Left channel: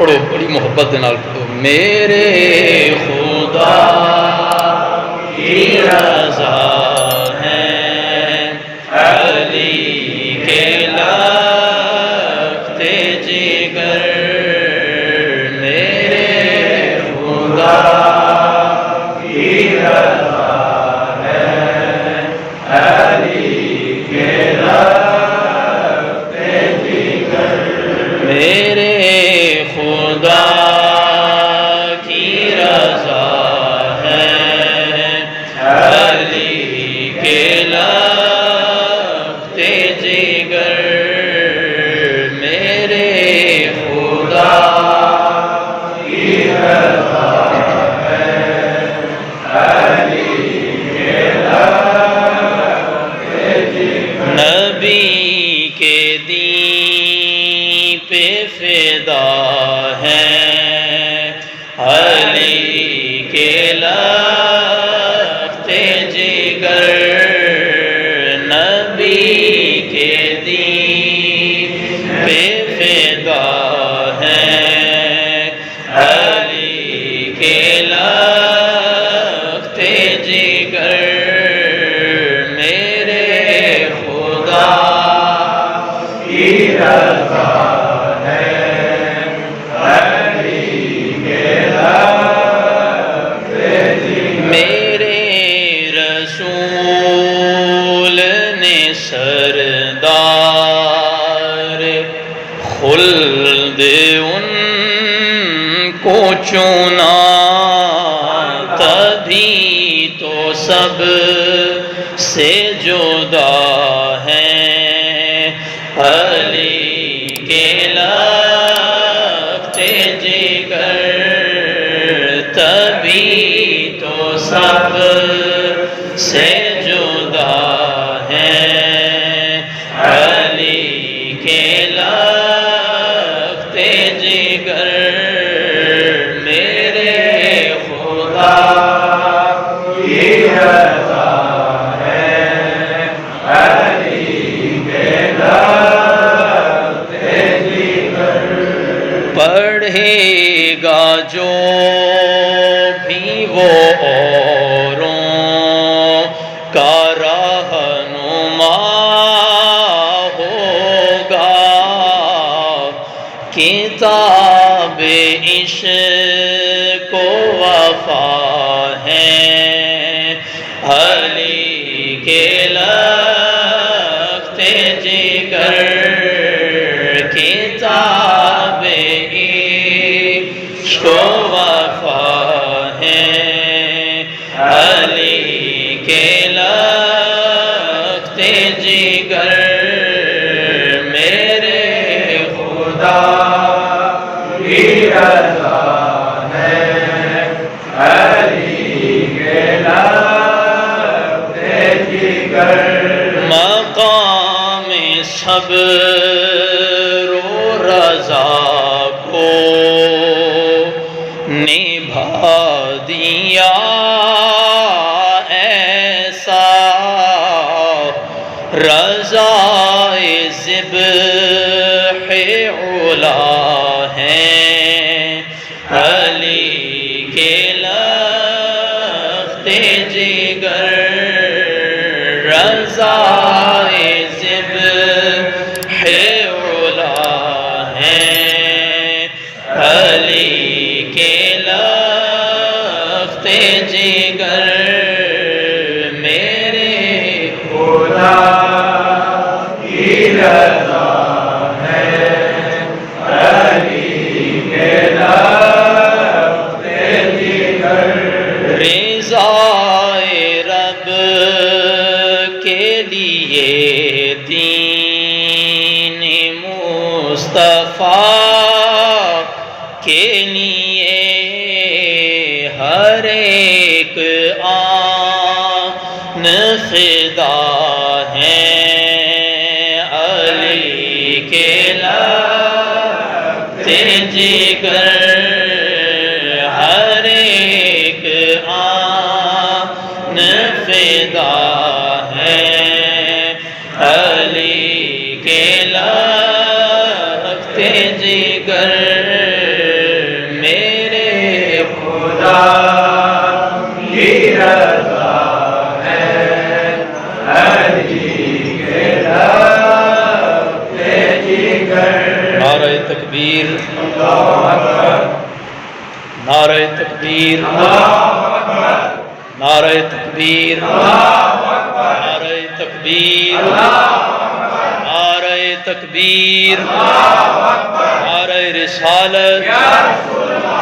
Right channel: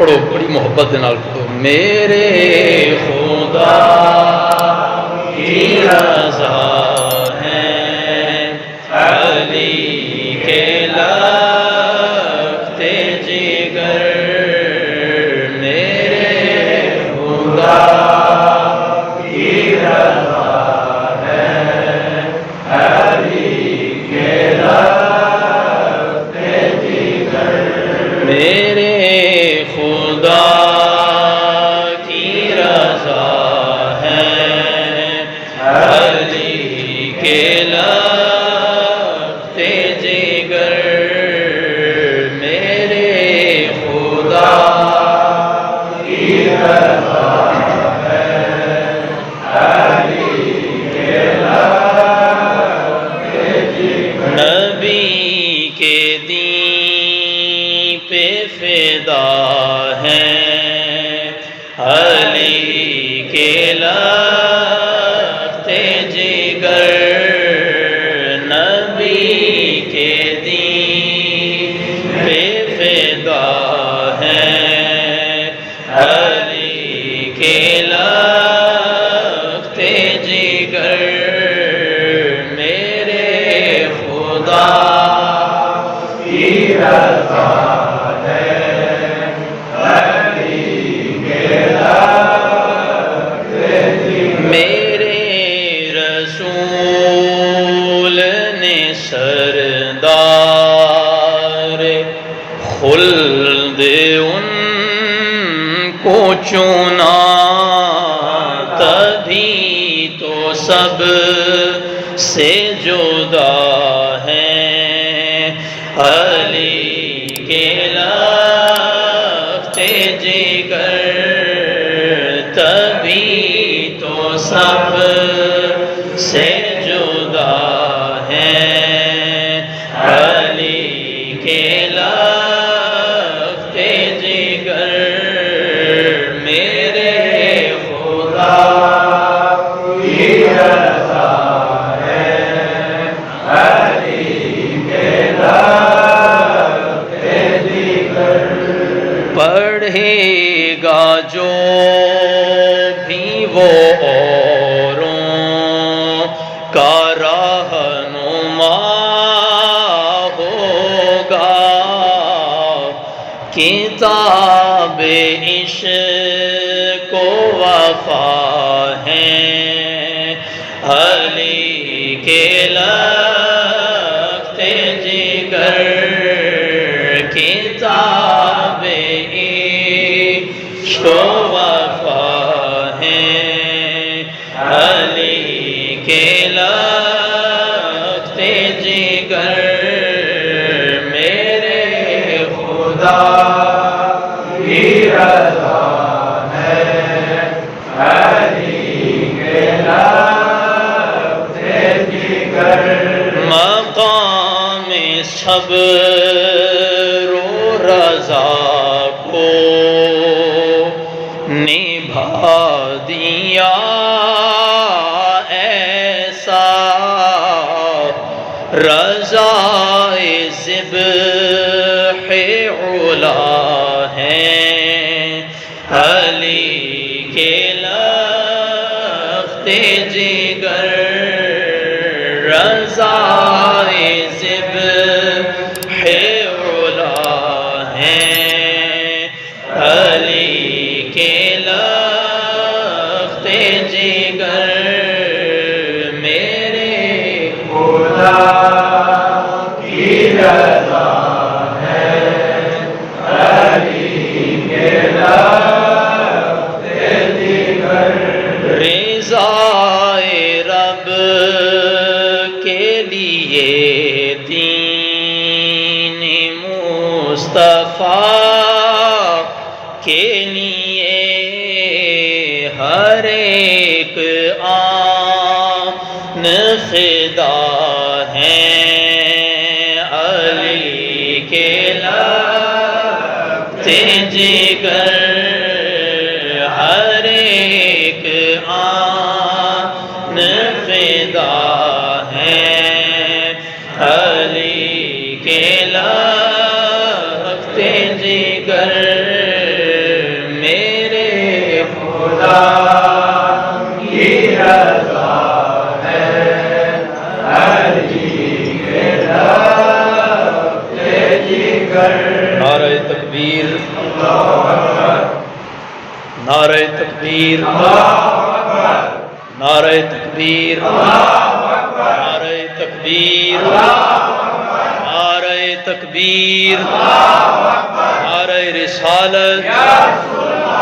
پڑھو، بڑی محبت دے نال پڑھو۔ میرے خدا کی رضا ہے علی کے لختے جگر، میرے خدا کی رضا ہے علی کے لختے جگر، میرے خدا کی رضا ہے علی کے لختے جگر، میرے خدا کی رضا ہے علی کے لختے جگر، نبی کے دین پہ فدا ہے علی کے لختے جگر، نبی کے دین پہ فدا ہے علی کے لختے جگر، میرے خدا کی رضا سردار خلد ان کو چنا، تبھی تو سب سے جدا ہیں علی کے لختے جگر، تبھی تو سب سے جدا کے لختے جگر، میرے خدا کی رضا ہے علی کے لختے جگر، پڑھے گا جو بھی وہ اوروں کا رہنما کتاب عشق و وفا ہے علی کے لختے جگر، کتاب عشق و وفا ہے علی کے لختے جگر، میرے خدا کی رضا ہے علی کے لختے جگر، مقام صبر و رضا کو نبھا دیا ایسا، رضائے ذبح علا ہیں علی کے لختے جگر، رضائے ذبح علا ہیں علی کے لختے جگر، میرے خدا کی رضا رضائے رب کے لیے دین مصطفیٰ کے لیے ہر ایک آن فدا ہے علی کے لختے جگر، ہر ایک آن فدا ہے علی کے لختے جگر، نعرہ تکبیر، نعرہ تکبیر، نعرہ تکبیر، نعرہ تکبیر، نعرہ رسالت،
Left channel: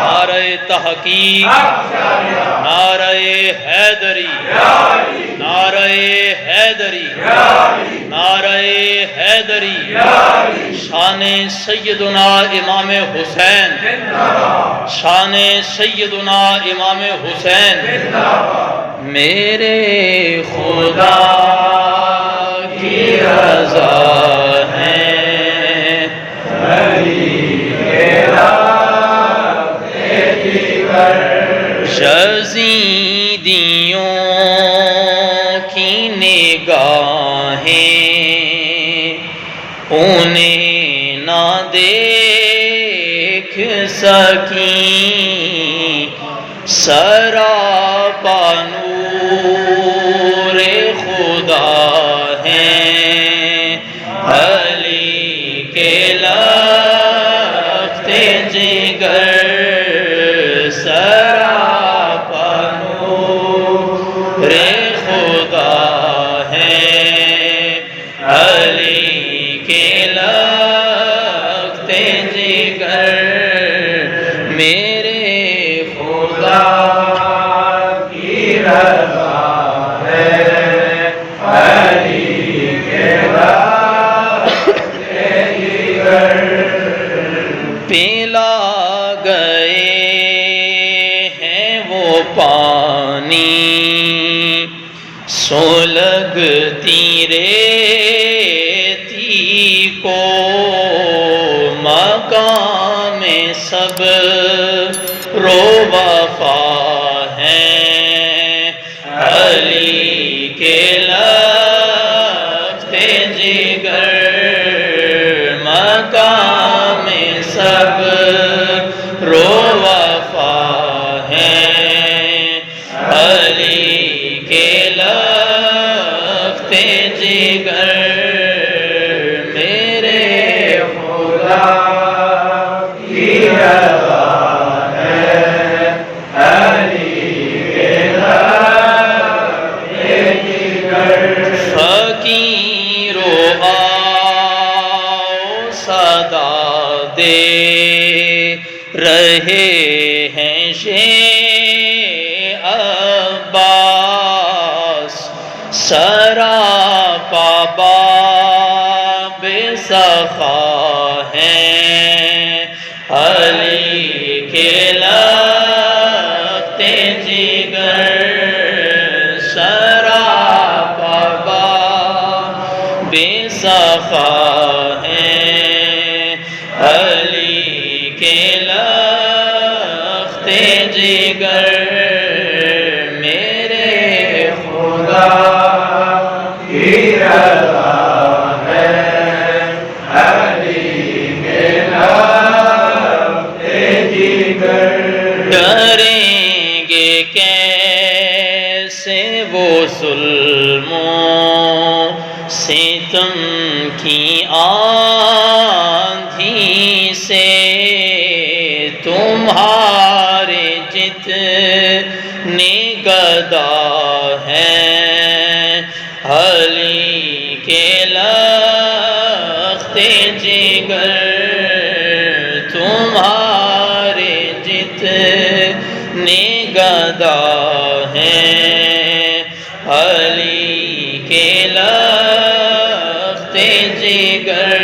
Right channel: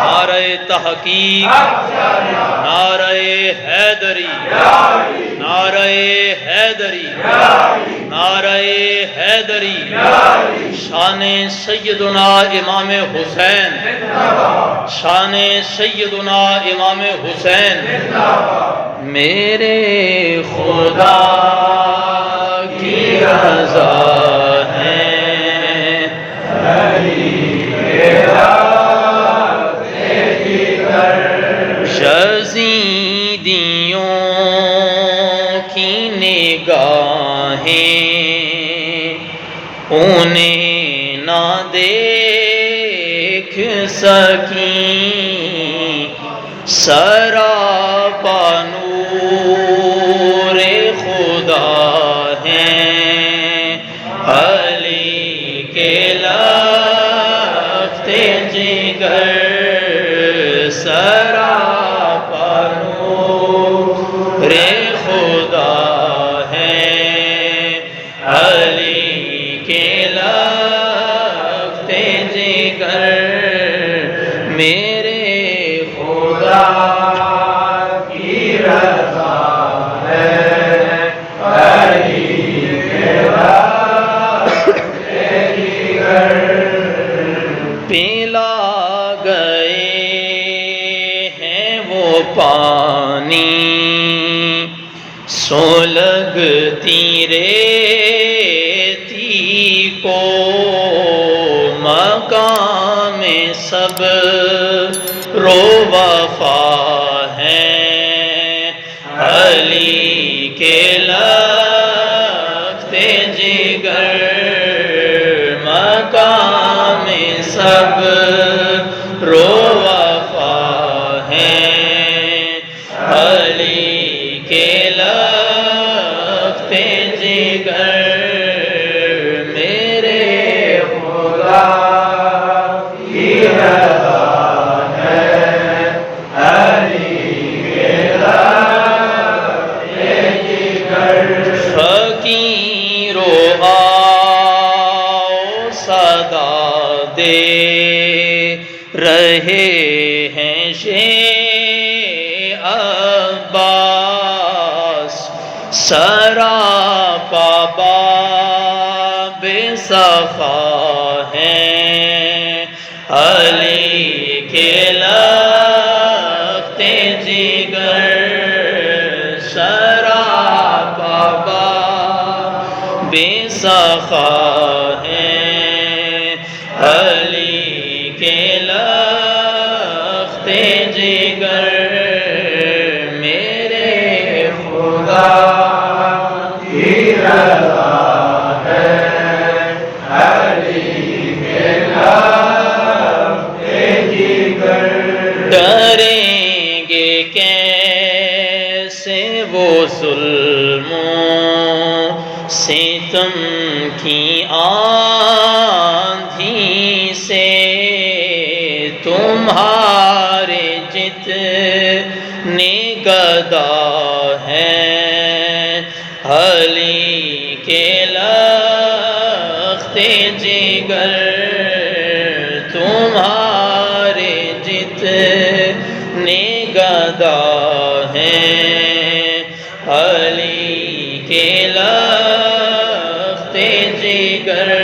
نعرہ تحقیق، نعرہ حیدری، نعرہ حیدری، نعرہ حیدری، شان سیدنا امام حسین، شان سیدنا امام حسین، میرے خدا کی رضا ہے یزیدیوں کی نگاہیں انہیں نہ دیکھ سکیں، سراپا نور خدا ہیں علی کے لخت جگر، سراپا نور خدا ہیں علی کے لخت جگر، میرے خدا کی رضا ہے علی کے لخت جگر، پلا گئے ہیں وہ پانی سلگتی ریتی کو، مقام سب رو وفا ہیں علی کے لخت جگر، مقام سب رو وفا ہیں علی کے لخت جگر، میرے خدا کی رضا ہے علی کے لخت جگر، فقیرو آؤ صدا دے رہے ہیں عباس، سراپا باب سخا ہیں علی کے لخت جگر، سراپا باب سخا ہیں علی کے لخت جگر، میرے خدا کی رضا ہے علی کے لخت جگر، ڈریں گے کیسے وہ ظلموں ستم کی آندھی سے، تمہارے جتنے گدا ہیں علی کے لخت جگر، تمہارے جتنے گدا ہیں علی کے لخت جگر،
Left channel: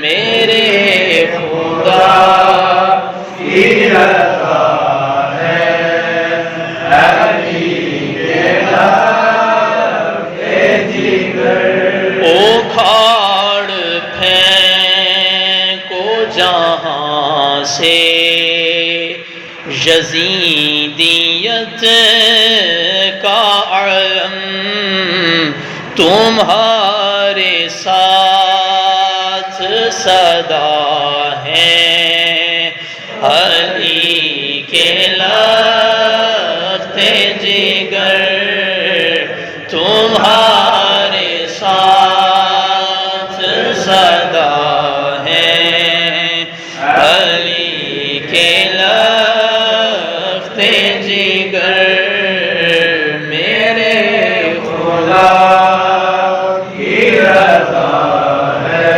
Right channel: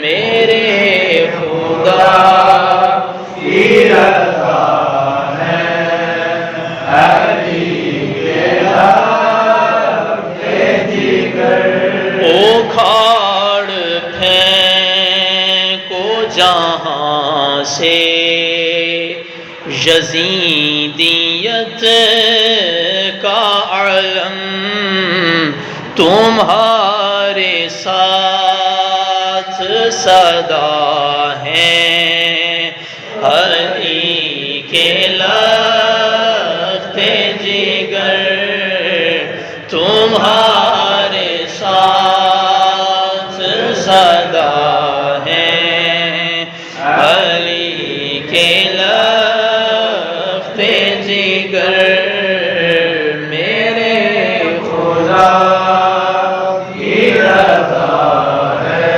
میرے خدا کی رضا ہے علی کے لخت جگر، اکھاڑ پھینکو جہاں سے یزیدیت کا علم، تمہارے ساتھ صدا ہے علی کے لخت جگر، تمہارے ساتھ صدا ہے علی کے لخت جگر میرے خدا کی رضا ہے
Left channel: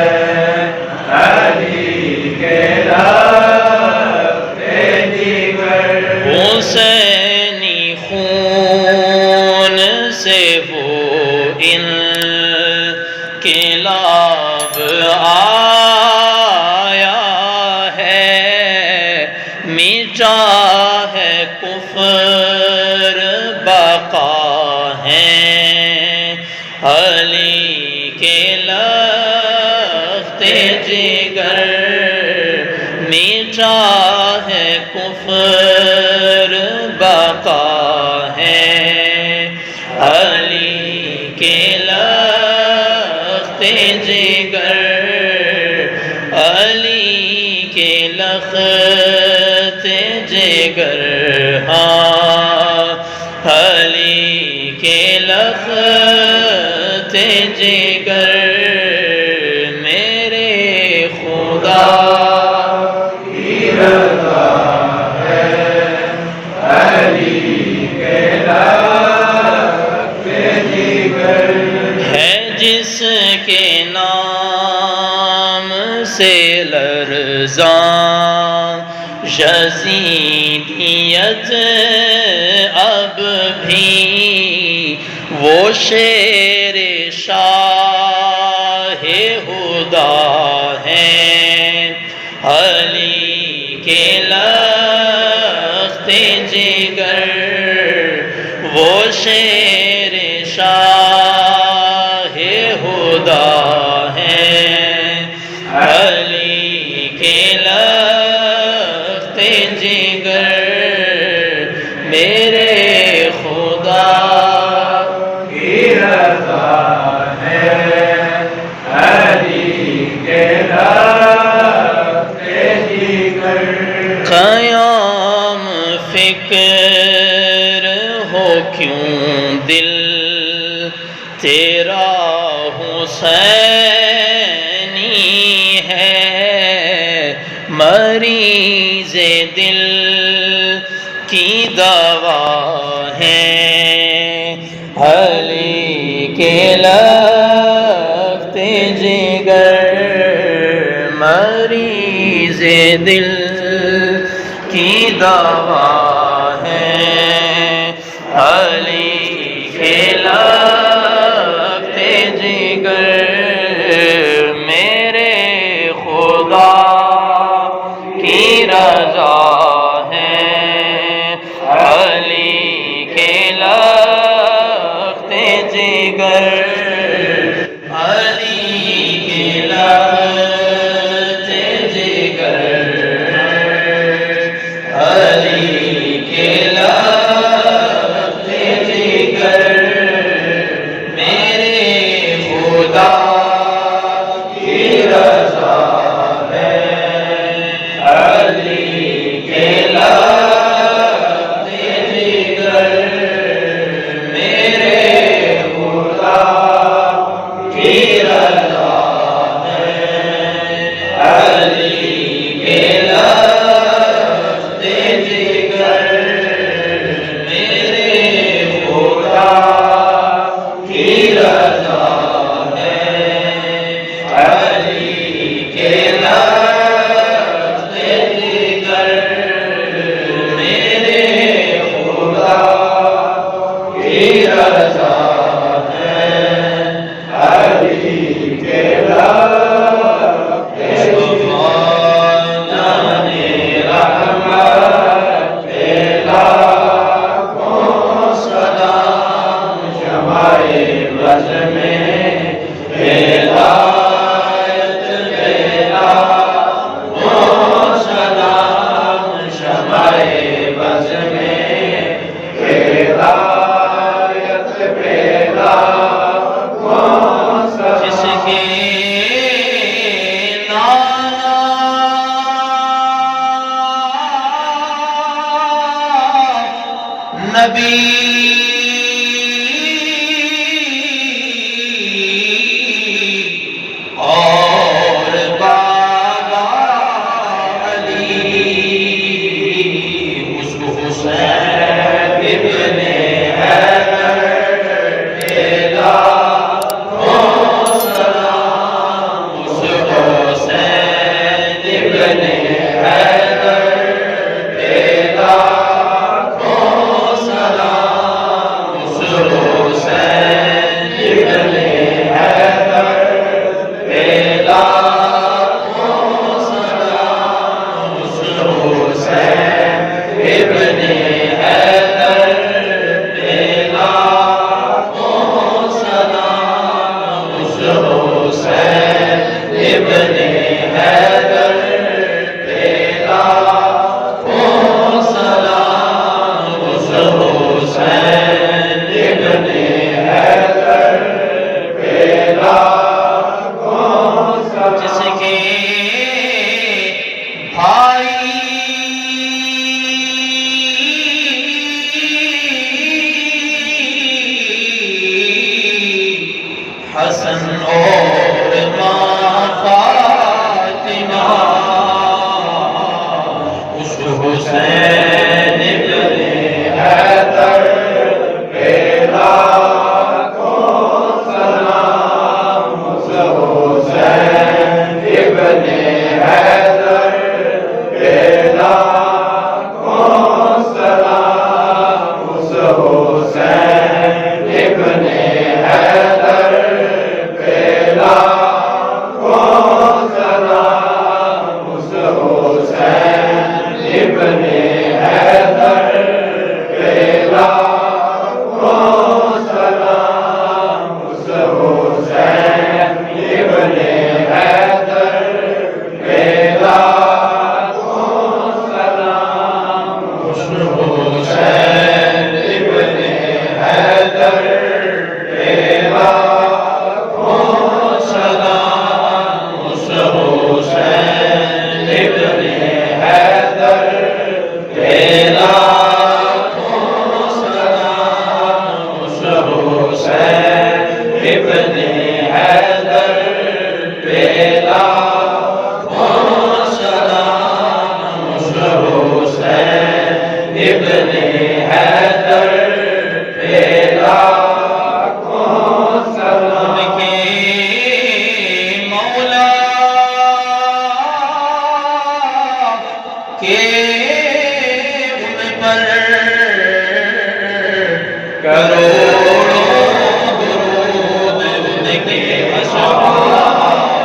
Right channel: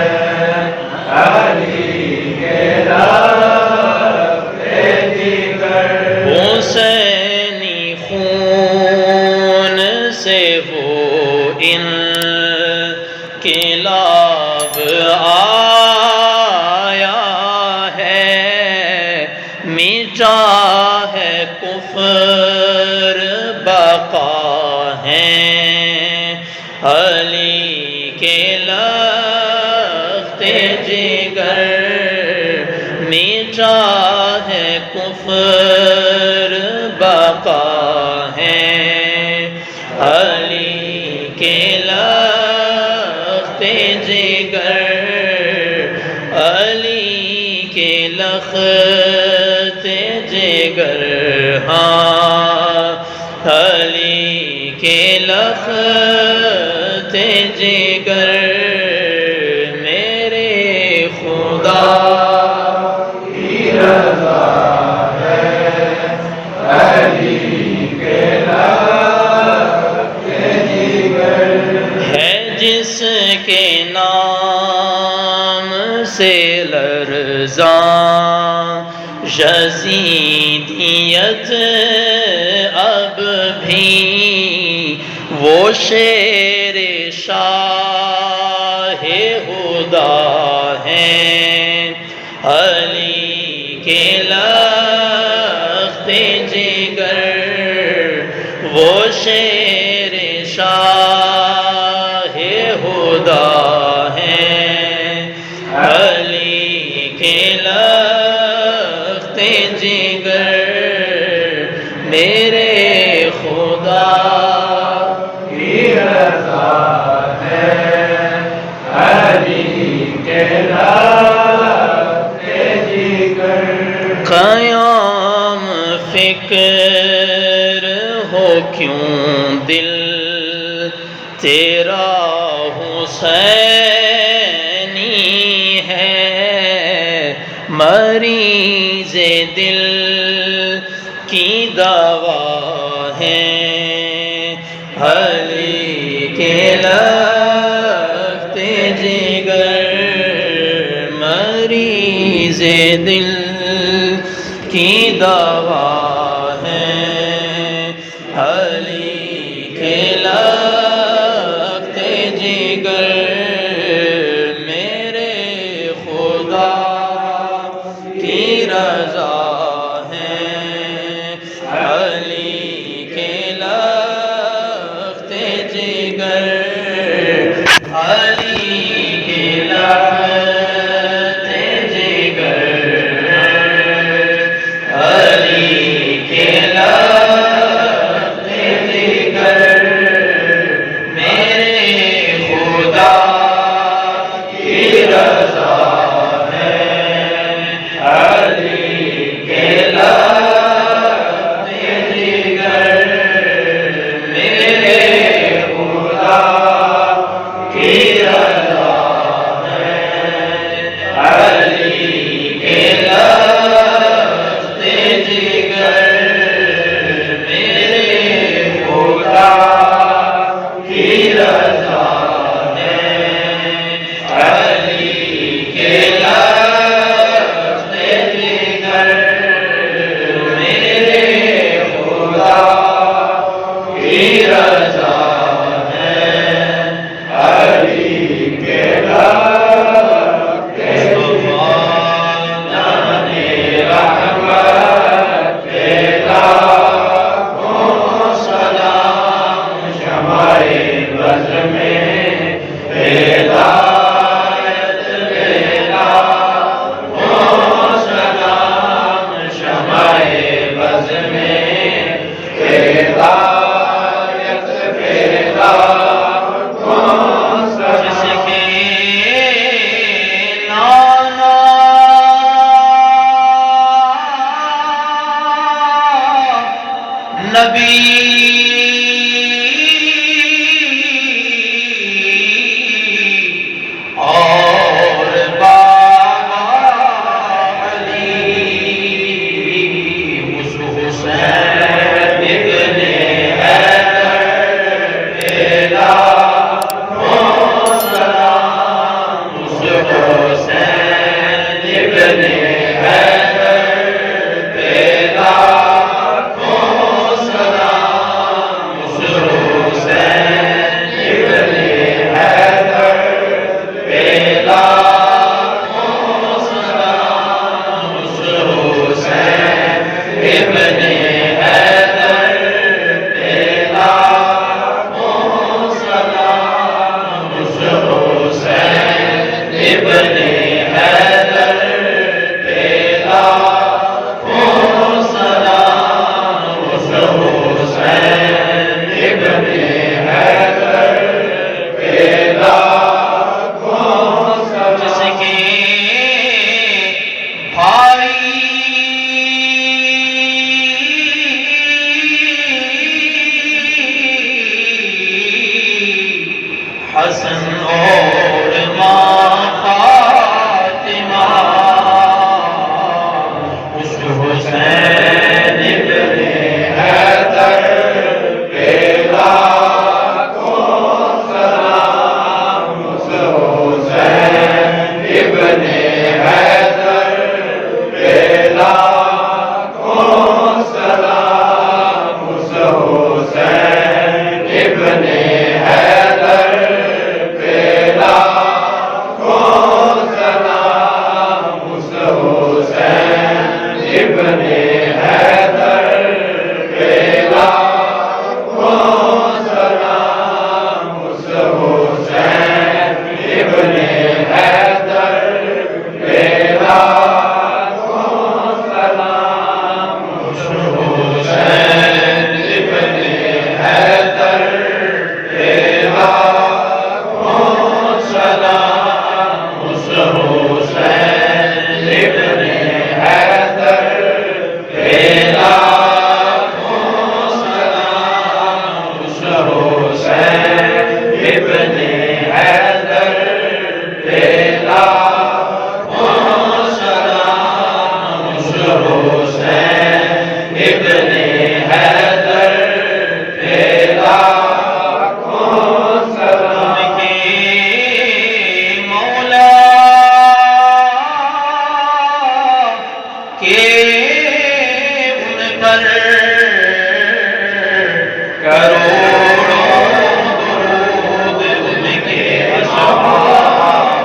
علی کے لخت جگر حسینی خون سے وہ انقلاب آیا ہے میٹا ہے کفر بقا ہے علی کے لخت جگر میٹا ہے کفر بقا ہے علی کے لخت جگر علی کے لخت جگر ہاں علی کے لخت جگر میرے خدا کی رضا ہے علی کے لخت جگر ہے جس کے نام سے لرزاں یزیدیت اب بھی وہ شیر شاہ ہدا ہیں علی کے لخت جگر وہ شیر شاہ ہدا ہیں علی کے لخت جگر میرے خدا کی رضا ہے علی کے لخت جگر قیام فکر ہو کیوں دل تیرا حسینی ہے مریض دل کی دوا ہے علی کے لخت جگر مریض دل کی دوا ہے علی کے لخت جگر میرے خدا کی رضا ہے علی کے لخت جگر علی کے لخت جگر علی کے لخت جگر میرے خدا کی رضا ہے علی کے لخت جگر میرے خدا کی رضا ہے علی کے لخت جگر میرے خدا کی رضا ہے علی کے لخت جگر میرے خدا کی رضا ہے علی کے لخت جانے رحمت کے لاکھوں سلام شمائے بز میں ہدایت کے لاکھوں سلام شمائے بز میں ہدایت کے لاکھوں سلام جس کے نانا نبی اور بابا اور ماں فاطمہ اس حسین ابن حیدر پہ لاکھوں سلام، اس حسین ابن حیدر پہ لاکھوں سلام، اس حسین ابن حیدر پہ لاکھوں سلام، اس حسین ابن حیدر پہ لاکھوں سلام، اس حسین ابن حیدر پہ لاکھوں سلام، اس حسین ابن حیدر پہ لاکھوں سلام، اس حسین ابن حیدر پہ لاکھوں سلام، اس حسین ابن حیدر پہ لاکھوں سلام، اس حسین ابن حیدر پہ لاکھوں سلام۔ کہ مولا کہ ان پر کروڑوں درود، ان کے اصحاب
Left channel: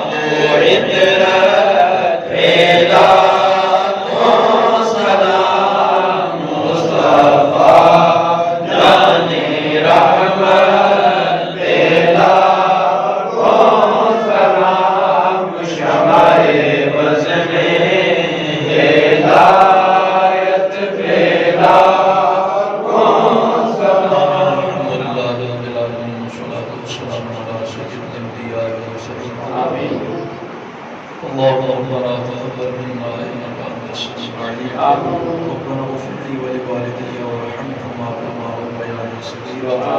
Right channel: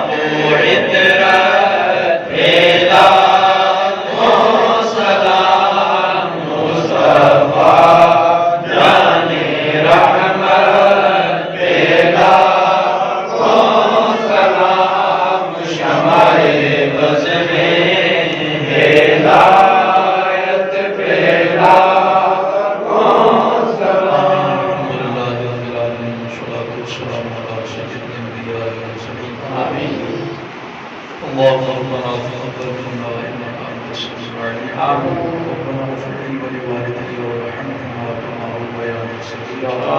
و عطرت پہ لاکھوں سلام، مصطفیٰ جان رحمت پہ لاکھوں سلام، شمع بز میں ہدایت پہ لاکھوں سلام۔ اللهم ربنا تقبل منا انك انت السميع العليم، ربنا اغفر لي ولوالدي وارحمهما كما ربياني صغيرا،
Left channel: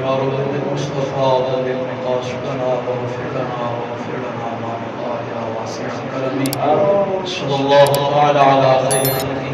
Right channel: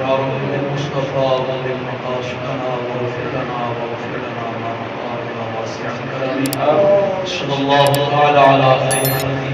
يا رب بالمصطفى بلغ مقاصدنا واغفر لنا ما مضى الى واسع كرمك، صلى الله تعالى على خير خلقه